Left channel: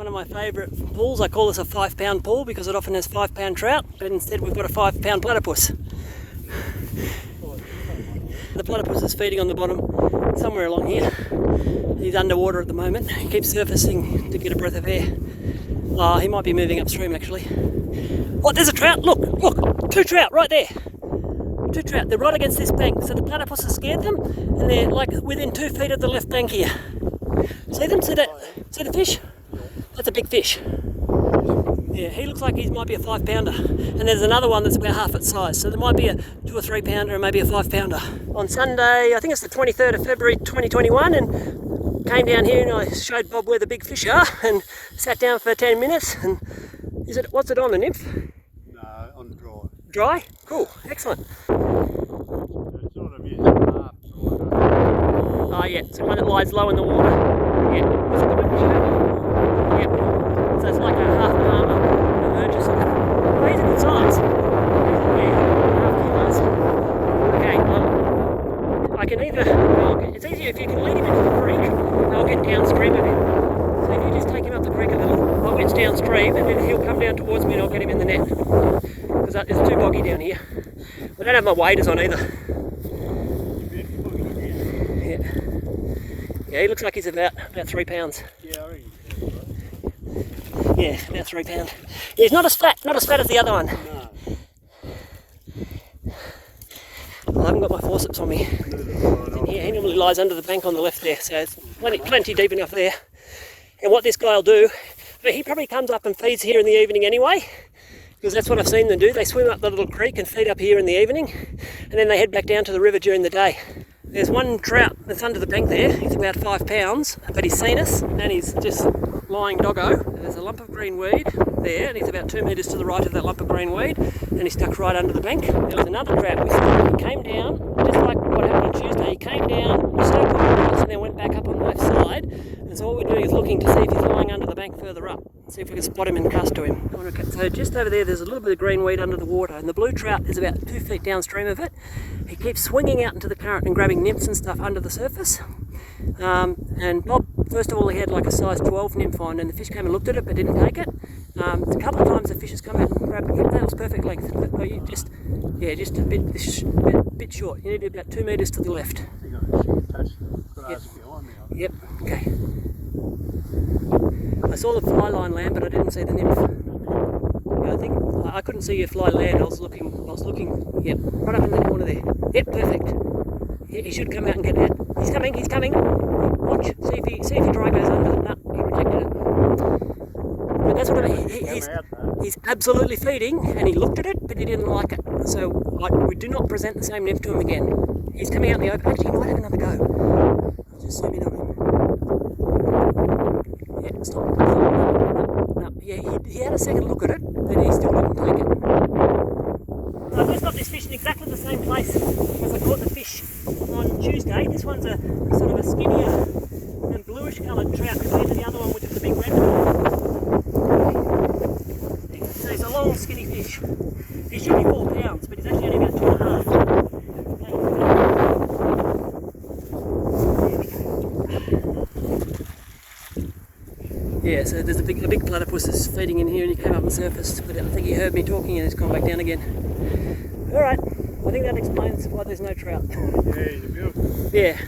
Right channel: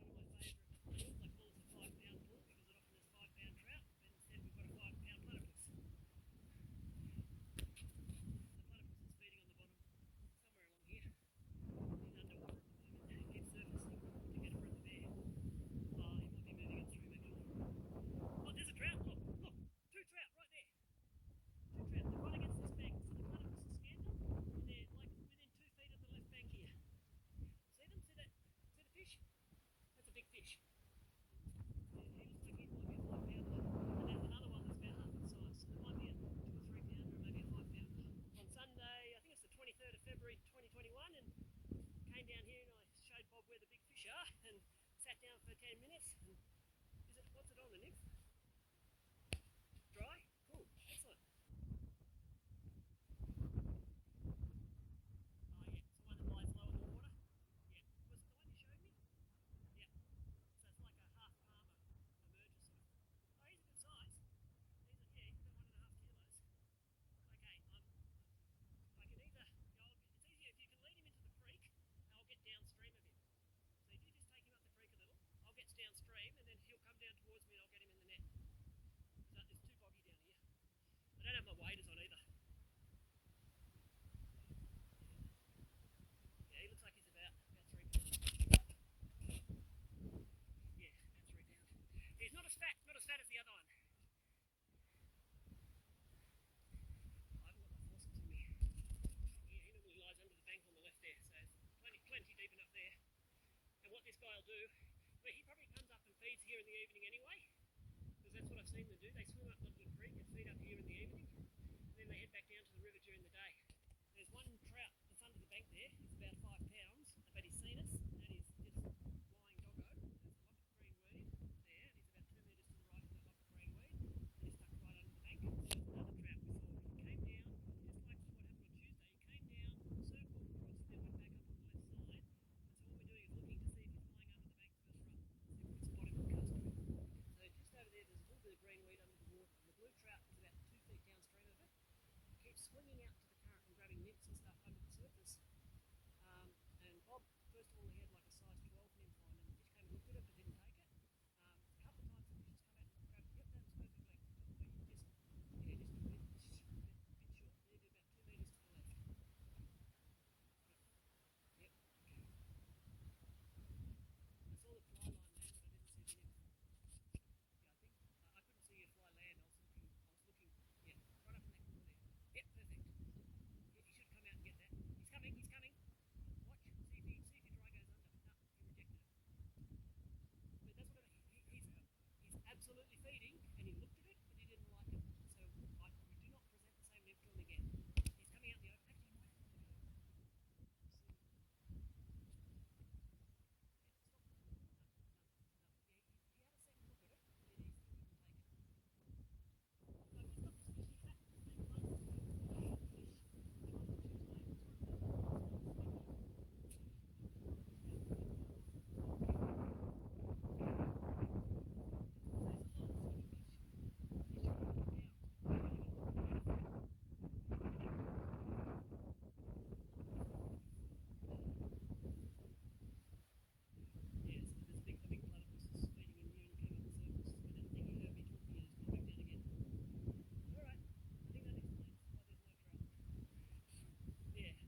One of my favourite pools. I call this a 5 pound pool because it often has 5 pound trout, but instead we've got a 5 pound platypus. The platypus is feeding on the bottom somewhere along here. He's underwater at the moment. He keeps surfacing to get a breath of air. Oh, he might be moving upstream actually. Oh, there's a trout. Look, look, 2 trout right there. 2 trout. They're right against this bank. So the platypus has scared them, and they're like within 2 feet of the left bank here. See them? See that? See the fish? That's a big fish. Yeah, he looks like he might be a 5 pounder. And there's another one that's about half its size. So there might be a 2 or 3 pounder and maybe a 5 pounder. On Sunday, I think it's the 23rd of February 2021, and came down here and I showed Bob where the big fish are and sat down for 10 minutes. And what's it on, the nymph? No, on dry. Dry? Cool, excellent. It's sort of half dry. Oh yeah, it's the one that lies low in the water. Yeah, is it the one you showed? Yeah. So it's like a half palmer emerge or something. Oh, he's a good size. Yeah, half kilos. Okay, well, I can either, it's easier if you can lead him into the creek, I'll get downstream of him. So if you just take him up the creek a little, I'll get downstream and then he'll come down towards me and I'll get him in the net. Because it's too boggy down here. I don't have my waders on either. Yeah. Yeah, he looks like he's about 3 pounds. Yeah, I reckon. Yeah, about 3 pounds. Yeah, he's not as fat as the other one. No. Well, I haven't got my forceps on me. Yeah, he normally lies under the bank on the left there, so it's plenty deep enough there. And what this guy will do, but he probably comes up and feeds here in the evening anyway, because that's what I've seen them do. They swim up the little creek and feed up here in the evening, and then they head back down to the river during the day. There's one trout that's under the bank there. He's about 5 pounds, but he's seen us and he's just lying doggo. There's a lump of green weed there, and he's about 2 metres to the right of that lump of green weed, and he's stuck right under the bank. There was another trout we saw. He came down, just like what happened on Tuesday. He came down, circled across, and then went back up on the left side. And so all we're doing is looking to see if he's lying under the bank further up. See if we can spot him and cast to him. So just over there, there's a little bit of green weed under the water, and the blue trout is about 2 feet downstream of it. He keeps swinging out into the current and grabbing nymphs and stuff under the surface. And Bob, first of all, he had like a size 12 nymph on, and the fish came and looked at it but didn't take it. A couple of times the fish has come out and grabbed it. That was perfect length. But you just a bit short. You need to be about 2 metres to the left. Yep. Yep. Okay. I saw the fly line land, but I didn't see the nymph. I think I couldn't see your fly land. I was looking. Yep, right up in the corner there. Yep, perfect. He should come out and get that. He's coming. He's coming. Watch. See if he dry goes under. No, he rejected it. But that's what I mean. He's absolutely feeding, and he looked at it, but he didn't like it. So we do not present the same nymph to him again. He's coming out in the open. Actually, he might have another go. I'll just zoom in on him. Yeah, stop. No. Yeah, he had a second look at it, but he still didn't take it. So I've just got this fish in exactly the same place as I caught the fish on Tuesday. This one's a sort of a skinnier and bluish coloured trout compared to the other one, which is the big red one. So he's a long, skinny fish. He should be 4 pounds, but he's actually only about 2.5. Yeah, so there's a big platypus that's feeding in here, and he came up and surfaced, but I think he heard me talking and he's gone back down again. Alright, I think that explains why there's no trout. Yeah, he's a beautiful. Yeah.